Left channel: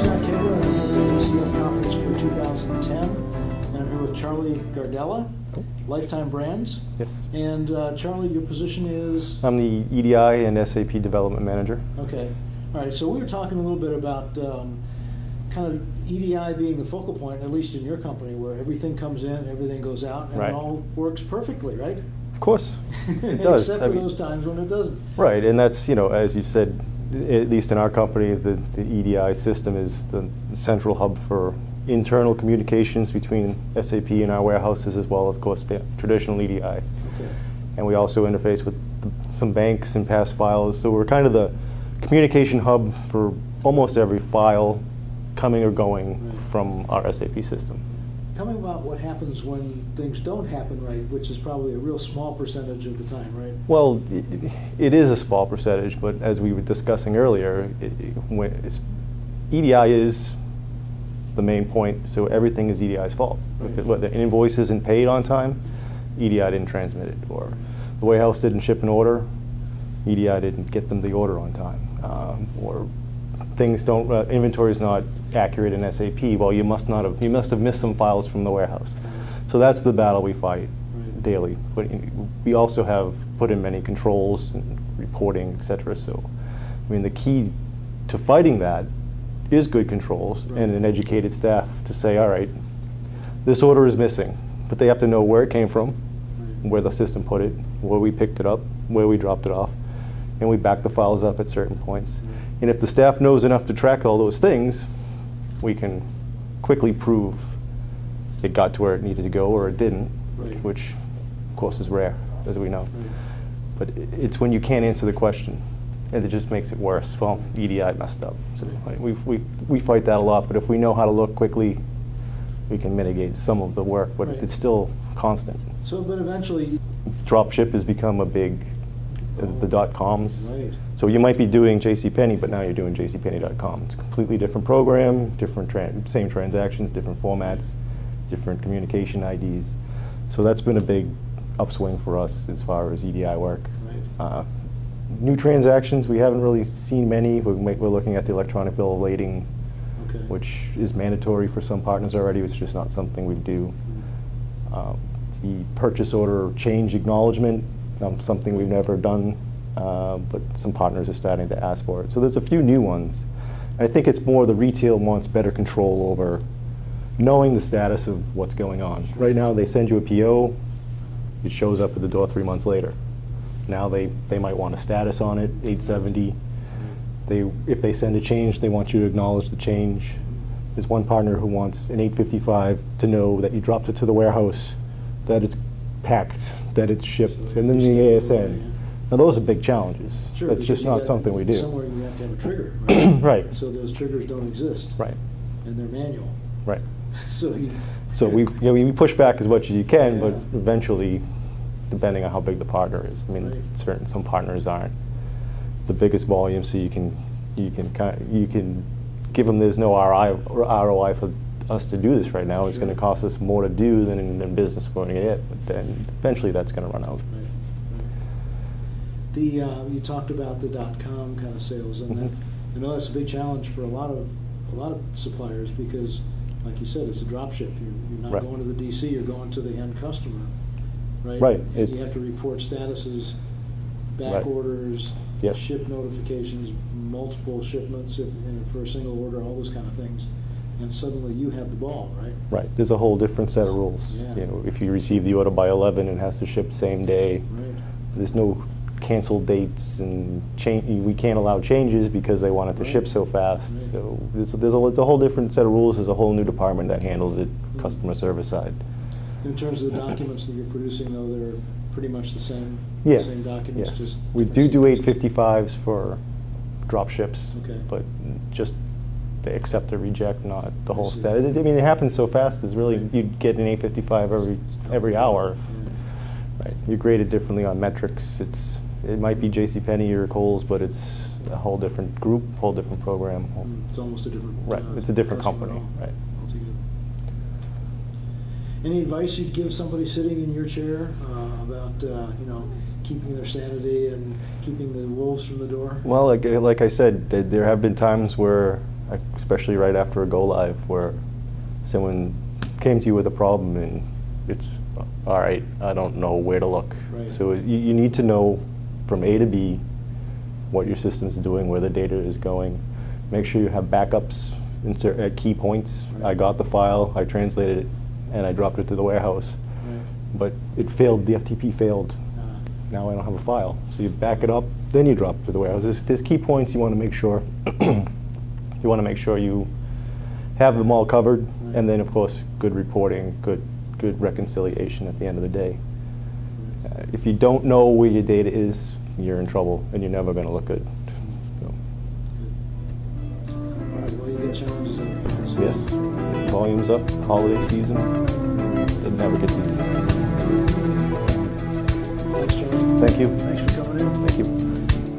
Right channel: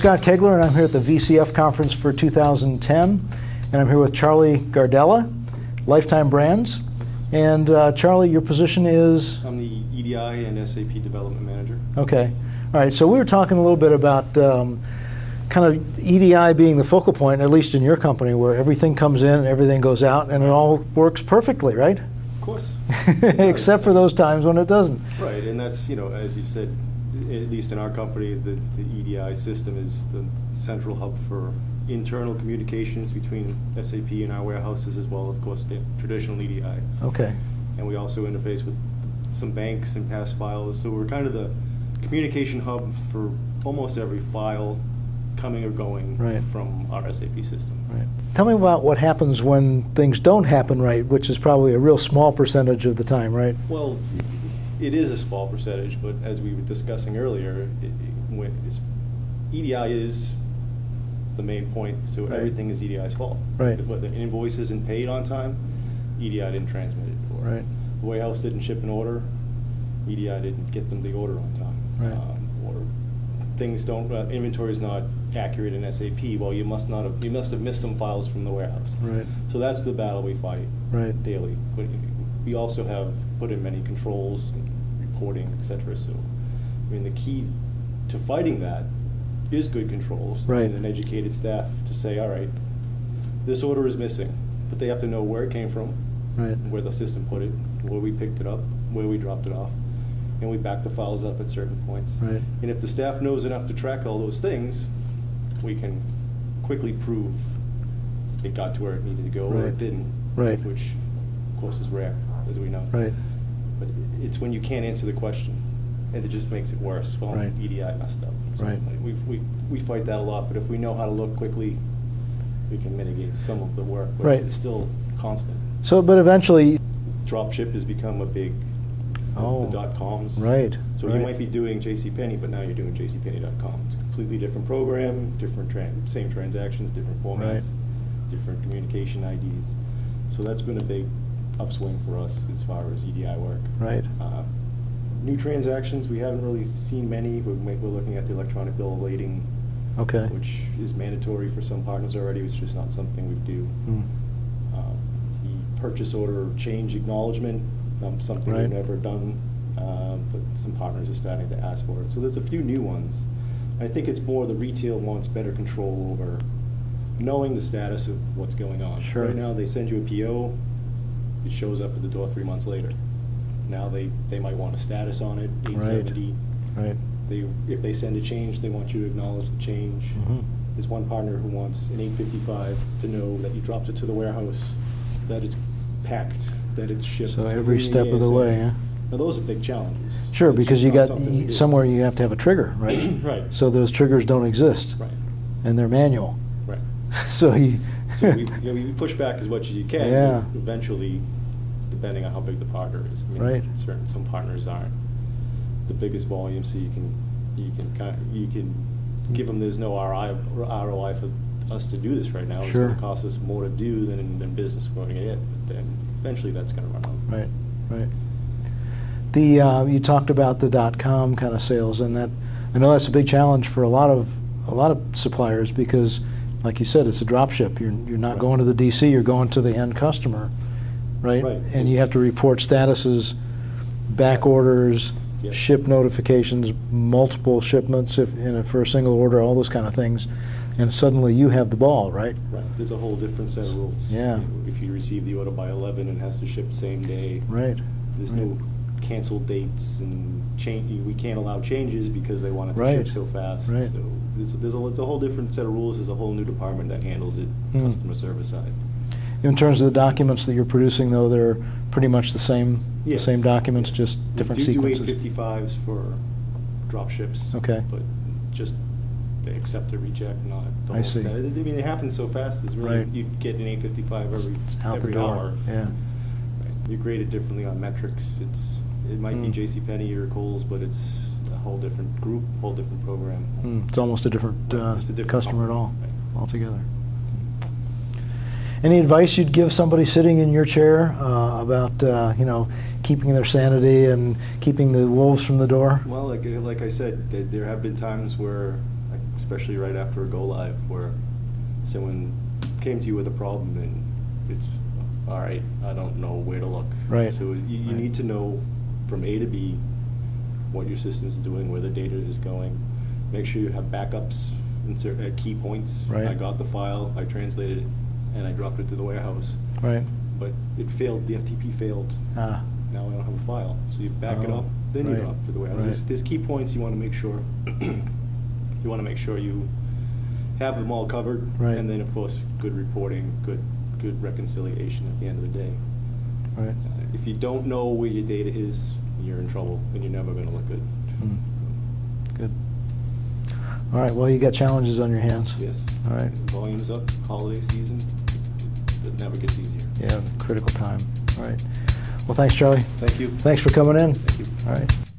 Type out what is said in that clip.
Scott Koegler, and I'm here at the VCF conference for 2010, and I'm here with Charlie Gardella, Lifetime Brands. Yes. And Charlie, your position is? I'm the EDI and SAP Development Manager. Okay. All right, so we were talking a little bit about kind of EDI being the focal point, at least in your company, where everything comes in and everything goes out, and right. It all works perfectly, right? Of course. Except for those times when it doesn't. Right, and that's, you know, as you said, at least in our company, the EDI system is the central hub for internal communications between SAP and our warehouses, as well, of course, the traditional EDI. Okay. And we also interface with some banks and pass files, so we're kind of the communication hub for almost every file coming or going right. from our SAP system. Right. Tell me about what happens when things don't happen right, which is probably a real small percentage of the time, right? Well, it is a small percentage, but as we were discussing earlier, EDI is the main point, so everything is EDI's fault. Right. Because what, the invoice isn't paid on time, EDI didn't transmit it, or right. the warehouse didn't ship an order, EDI didn't get them the order on time, right. Or things don't, inventory is not accurate in SAP. Well, you must have missed some files from the warehouse. Right. So that's the battle we fight right. daily. But we also have put in many controls and reporting, etc. So, I mean, the key to fighting that is good controls right. and an educated staff to say, all right, this order is missing, but they have to know where it came from, right. where the system put it, where we picked it up, where we dropped it off, and we back the files up at certain points. Right. And if the staff knows enough to track all those things, we can quickly prove it got to where it needed to go or right. it didn't, right. which of course is rare, as we know. Right. But it's when you can't answer the question, and it just makes it worse. Well, right. EDI messed up. So right. we fight that a lot, but if we know how to look quickly, we can mitigate some of the work, but right. it's still constant. So, but eventually, Dropship has become a big, the .coms. Right. So right. you might be doing JCPenney, but now you're doing jcpenney.com. It's a completely different program, different same transactions, different formats, right. different communication IDs. So that's been a big upswing for us as far as EDI work. Right. New transactions, we haven't really seen many. We're looking at the electronic bill of lading, okay. which is mandatory for some partners already. It's just not something we do. The purchase order change acknowledgement, something right. we've never done, but some partners are starting to ask for it. So there's a few new ones. I think it's more the retail wants better control over knowing the status of what's going on. Sure. Right now they send you a PO, it shows up at the door 3 months later. Now they might want a status on it, 870. Right. If they send a change, they want you to acknowledge the change. There's one partner who wants an 855 to know that you dropped it to the warehouse, that it's packed, that it's shipped. So every step of the way, yeah. Now those are big challenges. Sure, That's because you got somewhere you have to have a trigger, right? Right. So those triggers don't exist. Right. And they're manual. Right. So we push back as much as you can, yeah. but eventually, depending on how big the partner is. I mean, right. some partners aren't the biggest volume, so you can give them there's no ROI for us to do this right now. Sure. It's going to cost us more to do than in business going to get, but then eventually that's going to run out. Right, right. You talked about the .com kind of sales, and that I know that's a big challenge for a lot of suppliers because, like you said, it's a drop ship. You're not right. going to the DC. You're going to the end customer, right? Right. And you have to report statuses, back right. orders. Yes. Ship notifications, multiple shipments for a single order, all those kind of things, and suddenly you have the ball, right? Right. There's a whole different set of rules. Yeah. You know, if you receive the order by 11 and has to ship same day, right. There's no canceled dates and we can't allow changes because they want it to right. ship so fast. Right. So it's a whole different set of rules. There's a whole new department that handles it, customer service side. In terms of the documents that you're producing, though, they're pretty much the same. Yes. Same documents, yes. just we different do sequences. 855s for drop ships. Okay. But just they accept or reject, not the whole see. status. I mean, it happens so fast. It's really right. you'd get an 855 every hour. Yeah. Right. You grade it differently on metrics. It might be JCPenney or Kohl's, but it's a whole different group, whole different program. It's almost a different, it's a different customer company. at all, Right. altogether. Any advice you'd give somebody sitting in your chair about keeping their sanity and keeping the wolves from the door? Well, like I said, there have been times where especially right after a go live, where someone came to you with a problem and it's, all right, I don't know where to look. Right. So you need to know from A to B what your system's doing, where the data is going. Make sure you have backups at key points. Right. I got the file, I translated it, and I dropped it to the warehouse. Right. But it failed, the FTP failed. Ah. Now I don't have a file. So you back it up, then you Right. drop it to the warehouse. Right. There's key points you want to make sure. You want to make sure you have them all covered, Right. and then of course good reporting, good reconciliation at the end of the day. Right. If you don't know where your data is, you're in trouble, and you're never going to look good. So. Good. All right. Well, you got challenges on your hands. Yes. All right. Volume's up, holiday season. It never gets easy. All right. Well, thanks, Charlie. Thank you. Thanks for coming in. Thank you. All right.